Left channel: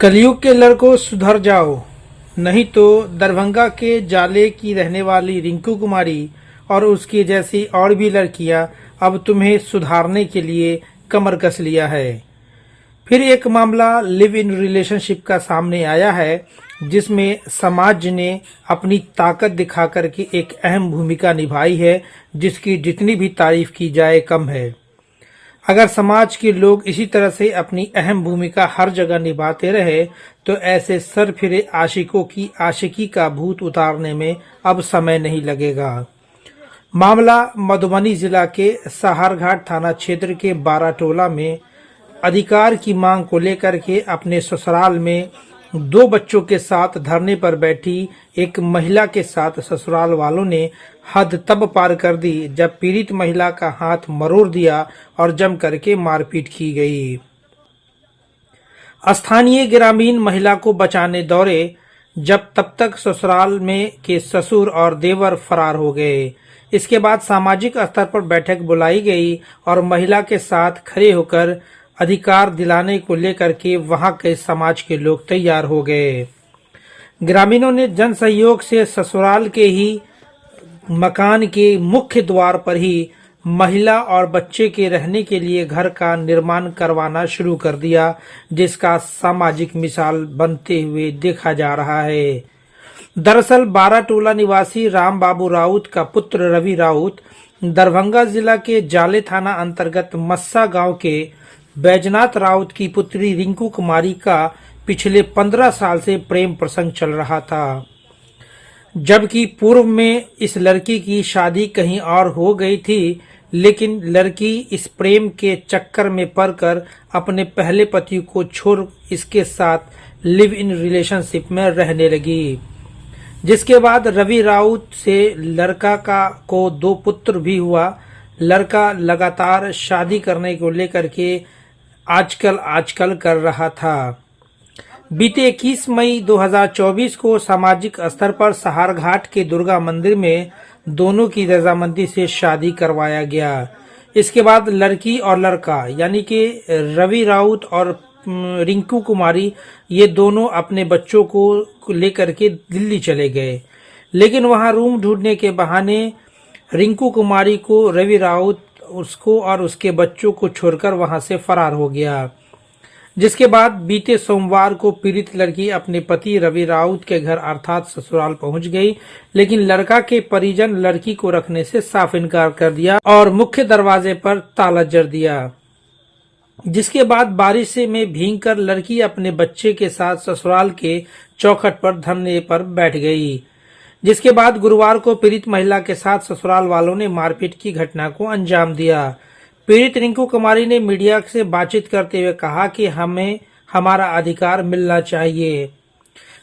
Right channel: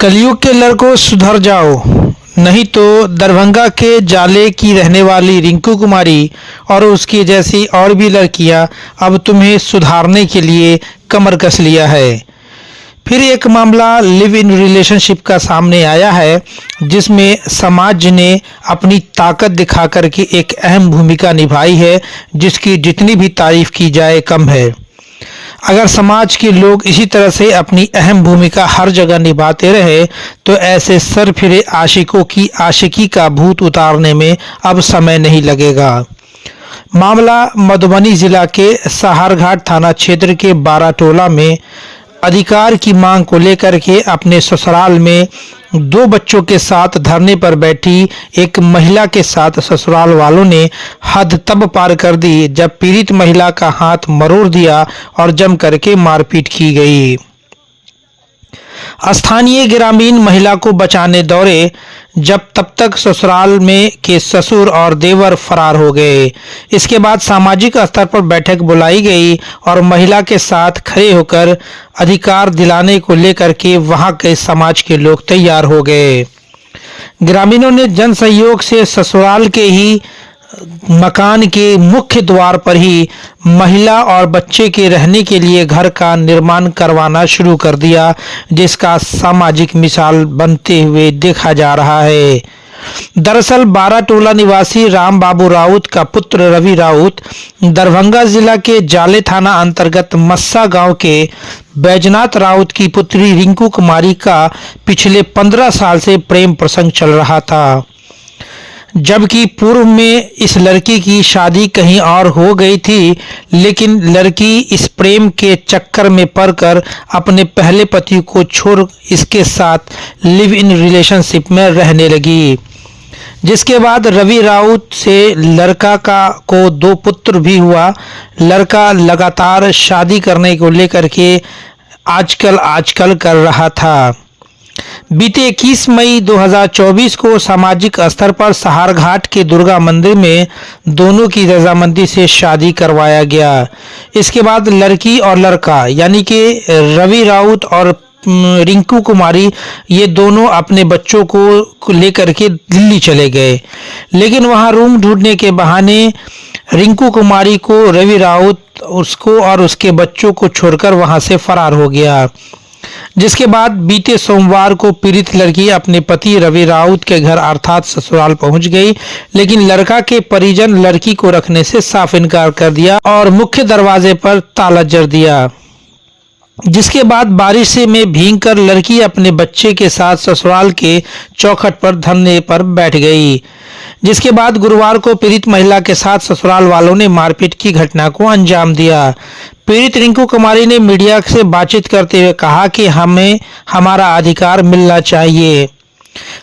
कलयुग के लड़कों सुधर जाओ, नहीं तो दरभंगा के जाले की रहने वाली रिंकू कुमारी और उसकी जैसी और भी लड़कियां अब तुम्हें सुधारने के लिए कमर कस लिया है। फिर एक मामला लिव इन रिलेशनशिप का सामने आया है, जिसमें समाज ने अपनी ताकत दिखा कर के एक अहम भूमिका निभाई है, जिसकी जितनी भी तारीफ की जाए कम है। अगर समाज के लोग इसी तरह से अपनी अहम भूमिका हर जगह निभाते रहे तो ऐसे सरफिरे आशिकों की आशिकी का भूत उतारने में अब समय नहीं लगेगा। मामला मधुबनी जिला के सहारघाट थाना क्षेत्र के बाराटोला में अधिकार की मांग को लेकर के अपने ससुराल में 2 बच्चों के साथ धरने पर बैठी एक महिला के साथ ससुराल वालों ने हद तब पार कर दी जब पीड़ित महिला का हाथ मरोड़ दिया और जम करके मारपीट की गई। स्थानीय ग्रामीण महिला को बचाने दौड़े, जब तब तक ससुराल में के ससुर और देवर फरार हो गए। इसके बाद सामाजिक स्तर पर बैठक बुलाई गई और महिला के साथ खड़े होकर अधिकार दिलाने को लेकर के वहां के समाज के लोग तैयार हो गए। ग्रामीणों ने जन सहयोग से ससुराल के ही मकान के मुख्य द्वार पर ही महिला और बच्चे के रहने के लिए घर का निर्माण करवाना शुरू कर दिया, जिसका सामाजिक मिसाल बनते हुए देखा जा रहा है। दरअसल बाराटोला निवासी राम बाबू राउत का पुत्र रवि राउत दरभंगा जिला के जाले थाना अंतर्गत मस्सा गांव के बैजनाथ राउत की पुत्री रिंकू कुमारी का पिछले 15 साल से प्रेम प्रसंग चल रहा था, जबकि पूर्व में इस लड़की की शादी कहीं और हो गई थी, लेकिन लड़की इस प्रेम के चक्कर में पड़कर अपने पहले पति को छोड़ इसके साथ लिव इन रिलेशनशिप में रहने लगी। जिसके बाद रवि राउत से लड़का को 2 पुत्र भी हुआ। लड़का लगातार शादी करने को लेकर के आजकल कर रहा था। बीते 21 मई 2024 को सामाजिक स्तर पर सहारघाट के दुर्गा मंदिर में दोनों की रजामंदी से शादी करवाया गया। इसके बाद लड़की और लड़का यानी कि रवि राउत और रिंकू कुमारी ये दोनों अपने बच्चों को लेकर के दिल्ली चले गए, लेकिन वहां रूम ढूंढने के बहाने रिंकू कुमारी को रवि राउत उसको और उसके बच्चों को छोड़कर वहां से फरार हो गया। जिसके बाद बीते सोमवार को पीड़ित लड़की अपने पति रवि राउत के घर अर्थात ससुराल पहुंच गई, लेकिन लड़का के परिजन लड़की को रखने से साफ इनकार कर दिया और मुख्य दरवाजे पर ताला जड़ दिया। जिसके बाद बारिश में भीगकर लड़की अपने बच्चे के साथ ससुराल के चौखट पर धरने पर बैठ गई। जिसके बाद गुरुवार को पीड़ित महिला के साथ ससुराल वालों ने मारपीट की घटना को अंजाम दिया। पीड़ित रिंकू कुमारी ने मीडिया से बातचीत करते हुए कहा कि हमें हमारा अधिकार मिलना चाहिए।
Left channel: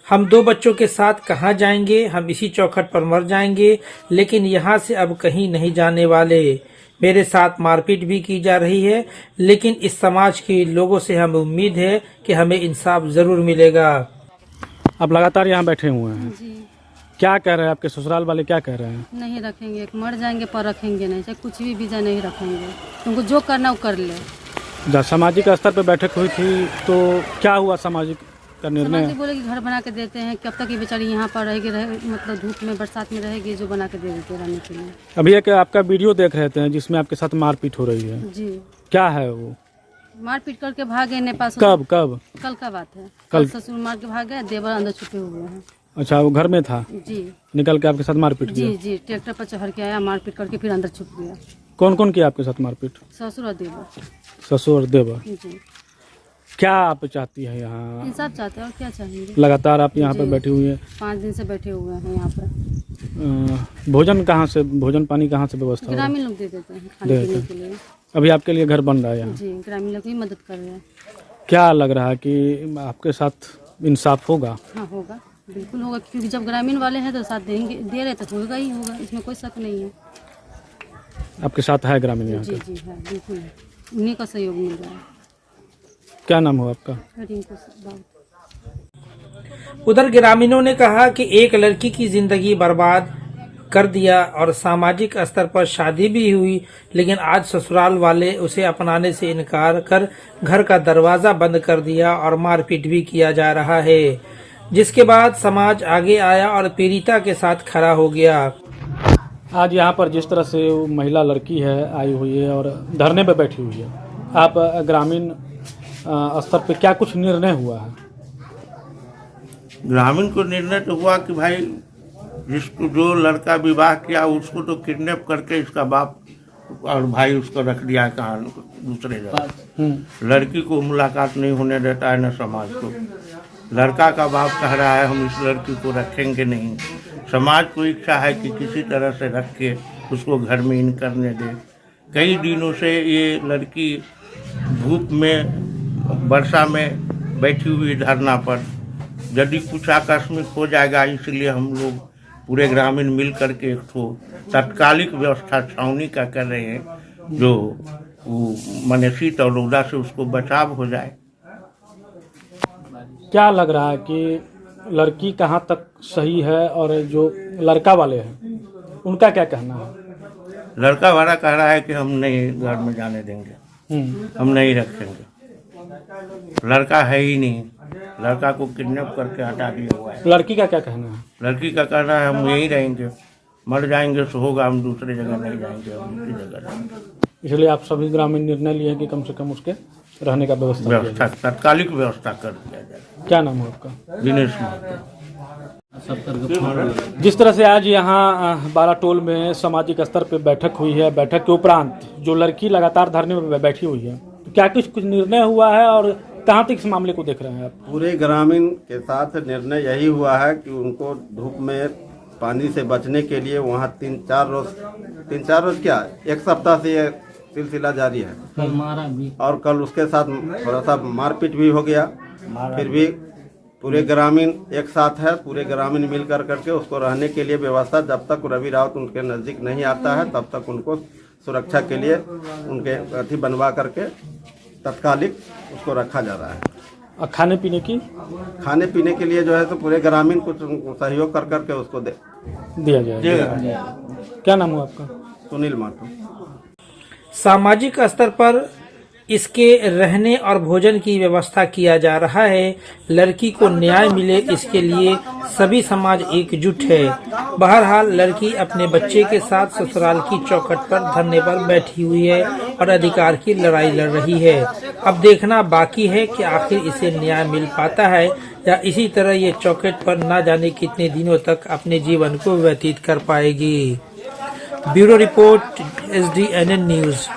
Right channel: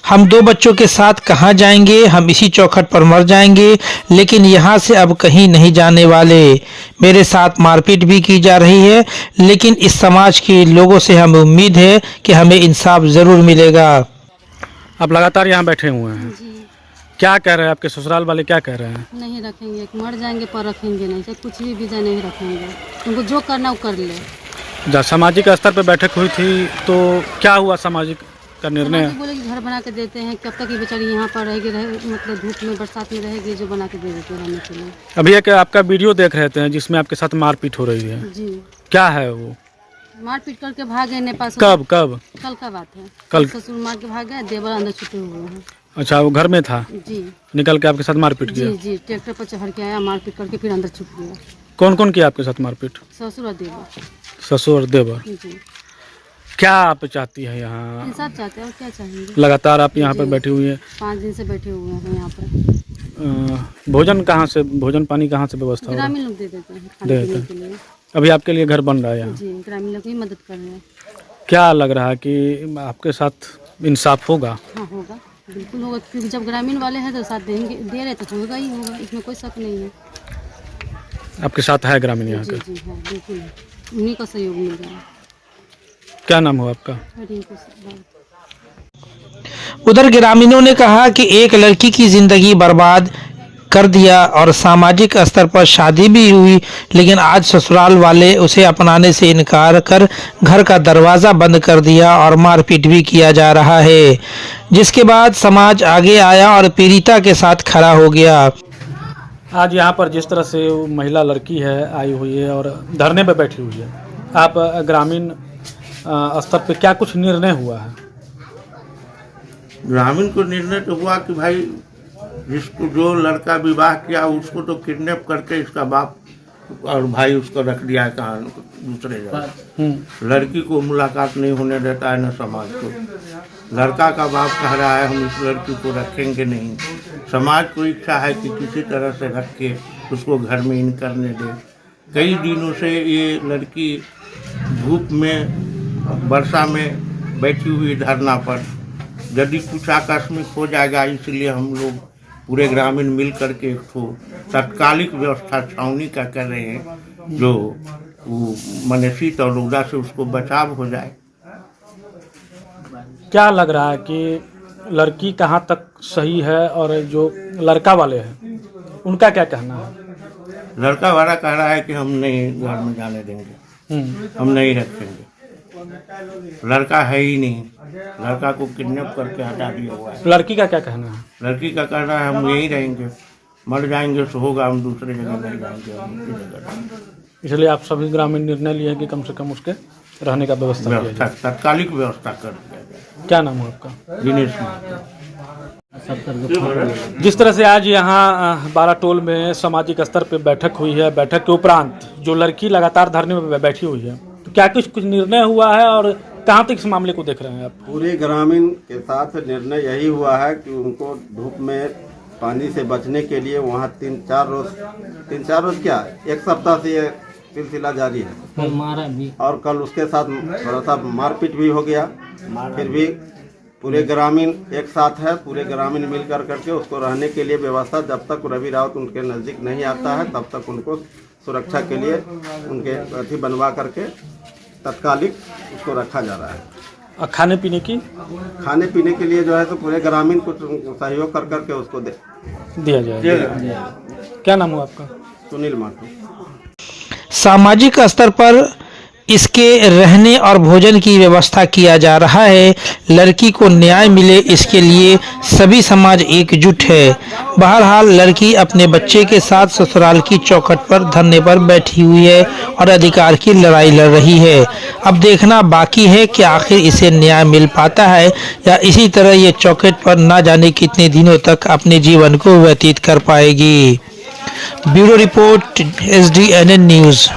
हम 2 बच्चों के साथ कहां जाएंगे, हम इसी चौखट पर मर जाएंगे, लेकिन यहां से अब कहीं नहीं जाने वाले। मेरे साथ मारपीट भी की जा रही है, लेकिन इस समाज के लोगों से हमें उम्मीद है कि हमें इंसाफ जरूर मिलेगा। आप लगातार यहाँ बैठे हुए हैं जी। क्या कह रहे हैं आपके ससुराल वाले, क्या कह रहे हैं? नहीं रखेंगे, मर जाएंगे पर रखेंगे नहीं, चाहे कुछ भी वीजा नहीं रखेंगे। तुमको जो करना वो कर ले। जब सामाजिक स्तर पर बैठक हुई थी तो क्या हुआ सामाजिक का निर्णय? बोले कि घर बना के देते हैं, कब तक ये बेचारी यहाँ पर रहेगी, मतलब धूप में बरसात में रहेगी, जो बना के दे देते हैं रहने के लिए। अभी एक आपका वीडियो देख रहे थे जिसमें आपके साथ मारपीट हो रही है। जी। क्या है वो? मारपीट करके भागे नेपाल से। कब? कल का बात है। कल ससुर मार के भाग गए, देवर अंदर छुपे हुए हैं। अच्छा, वो घर में था? जी। निकल के आपके साथ मारपीट किया? जी, ट्रैक्टर पर चढ़ के आया, मारपीट करके फिर अंदर छुप गया। कौन कौन किया आपके साथ मारपीट? ससुर और देवर। ससुर और देवर। जी। क्या आप चाहती है यहाँ? इंसाफ चाहते हैं और क्या चाहेंगे। लगातार आप यहाँ पर बैठी हुई है? 5 दिन से बैठे हुए हैं यहाँ पर। भोजन कहाँ से, भोजन पानी कहाँ से व्यवस्था हो रहा है? ग्रामीण लोग दे देते हैं खाने पीने के लिए। अभी आपके लिए घर बन रहा है यहाँ? जी, ग्रामीण लोग ही मदद कर रहे हैं। क्या लग रहा है कि आपके साथ इंसाफ होगा? हाँ होगा, बिल्कुल होगा, क्योंकि जब ग्रामीण वाले हैं तो साथ देंगे, दे रहे तो होगा ही होगा, इसमें कोई शक नहीं है। आपके साथ है ग्रामीण यहाँ जी का? जी हाँ, बिल्कुल है, उन्हीं का सहयोग मिल रहा है। क्या नाम हो आपका? रिंकू बाबू। उधर ग्रामीणों ने कहा कि एक लड़की की जिंदगी बर्बाद कर दिया और सामाजिक स्तर पर शादी भी हुई, लेकिन आज ससुराल वाले उसे अपनाने से इनकार कर घर का दरवाज़ा बंद कर दिया और मारपीट भी किया जा रहा है, जिसके बाद समाज आगे आया और पीड़िता के साथ खड़ा हो गया। आज यहाँ पर जिस तरह से वो महिला लड़की है आई हुई है और धरने पर बैठी हुई है, आप ग्रामीण स्तर पे क्या कुछ निर्णय हुआ है? ग्रामीण को निर्णय तो हुआ कि भाई जिसको जो लड़का विवाह किया उसको तो किडनैप करके इसका बाप और भाई उसको रख दिया है कहाँ दूसरे जगह। लड़की को मुलाकात नहीं होने देता है न समाज को। लड़का का बाप कह रहा है हम इस लड़की को रखेंगे नहीं। समाज को इच्छा है कि किसी तरह से रख के उसको घर में इन करने दे। कई दिनों से ये लड़की धूप में वर्षा में बैठी हुई धरना पर, यदि कुछ आकस्मिक हो जाएगा इसलिए हम लोग पूरे ग्रामीण मिल करके एक ठो तत्कालिक व्यवस्था छावनी का कर रहे हैं, जो माने शीत और रौदा से उसको बचाव हो जाए। क्या लग रहा है कि लड़की कहाँ तक सही है और जो लड़का वाले हैं उनका क्या कहना है? लड़का वाला कह रहा है कि हम नहीं घर में जाने देंगे, हम नहीं रखेंगे। लड़का है ही नहीं, लड़का को किडनैप करके हटा दिया हुआ है। लड़की का क्या कहना है? लड़की का कहना है हम यहीं रहेंगे, मर जाएंगे सो होगा, हम दूसरी जगह नहीं जाएंगे, हम दूसरी जगह रहेंगे। इसलिए आप सभी ग्रामीण निर्णय लिए हैं कि कम से कम उसके रहने का व्यवस्था किया व्यवस्था जाए। तत्कालिक व्यवस्था कर दिया जाए। क्या नाम है आपका? दिनेश महतो। जिस तरह से आज यहाँ बाराटोल में सामाजिक स्तर पर बैठक हुई है, बैठक के उपरांत जो लड़की लगातार धरने में बैठी हुई है, तो क्या कुछ निर्णय हुआ है और कहाँ तक इस मामले को देख रहे हैं आप? पूरे ग्रामीण के साथ निर्णय यही हुआ है कि उनको धूप में पानी से बचने के लिए वहाँ तीन चार रोज क्या एक सप्ताह से ये सिलसिला जारी है और कल उसके साथ थोड़ा सा मारपीट भी हो गया। फिर भी पूरे ग्रामीण एक साथ है, पूरे ग्रामीण मिल करके उसको रहने के लिए व्यवस्था, जब तक रवि राउत उनके नज़दीक नहीं आता है तब तक उनको सुरक्षा के लिए उनके अथी बनवा करके तत्कालिक उसको रखा जा रहा है। और खाने पीने के लिए जो है तो पूरे ग्रामीण कुछ सहयोग करके उसको दिया जाएगा। क्या नाम है आपका? सुनील माटो। सामाजिक स्तर पर इसके रहने और भोजन की व्यवस्था किया जा रहा है। लड़की को न्याय मिले इसके लिए सभी समाज एकजुट है। बहरहाल लड़की अपने बच्चे के साथ ससुराल की चौखट पर धरने पर बैठी हुई है और अधिकार की लड़ाई लड़ रही है। अब देखना बाकी है कि आखिर इसे न्याय मिल पाता है या इसी तरह ये चौखट पर ना जाने कितने दिनों तक अपने जीवन को व्यतीत कर पाएगी। Bureau report SDNN news.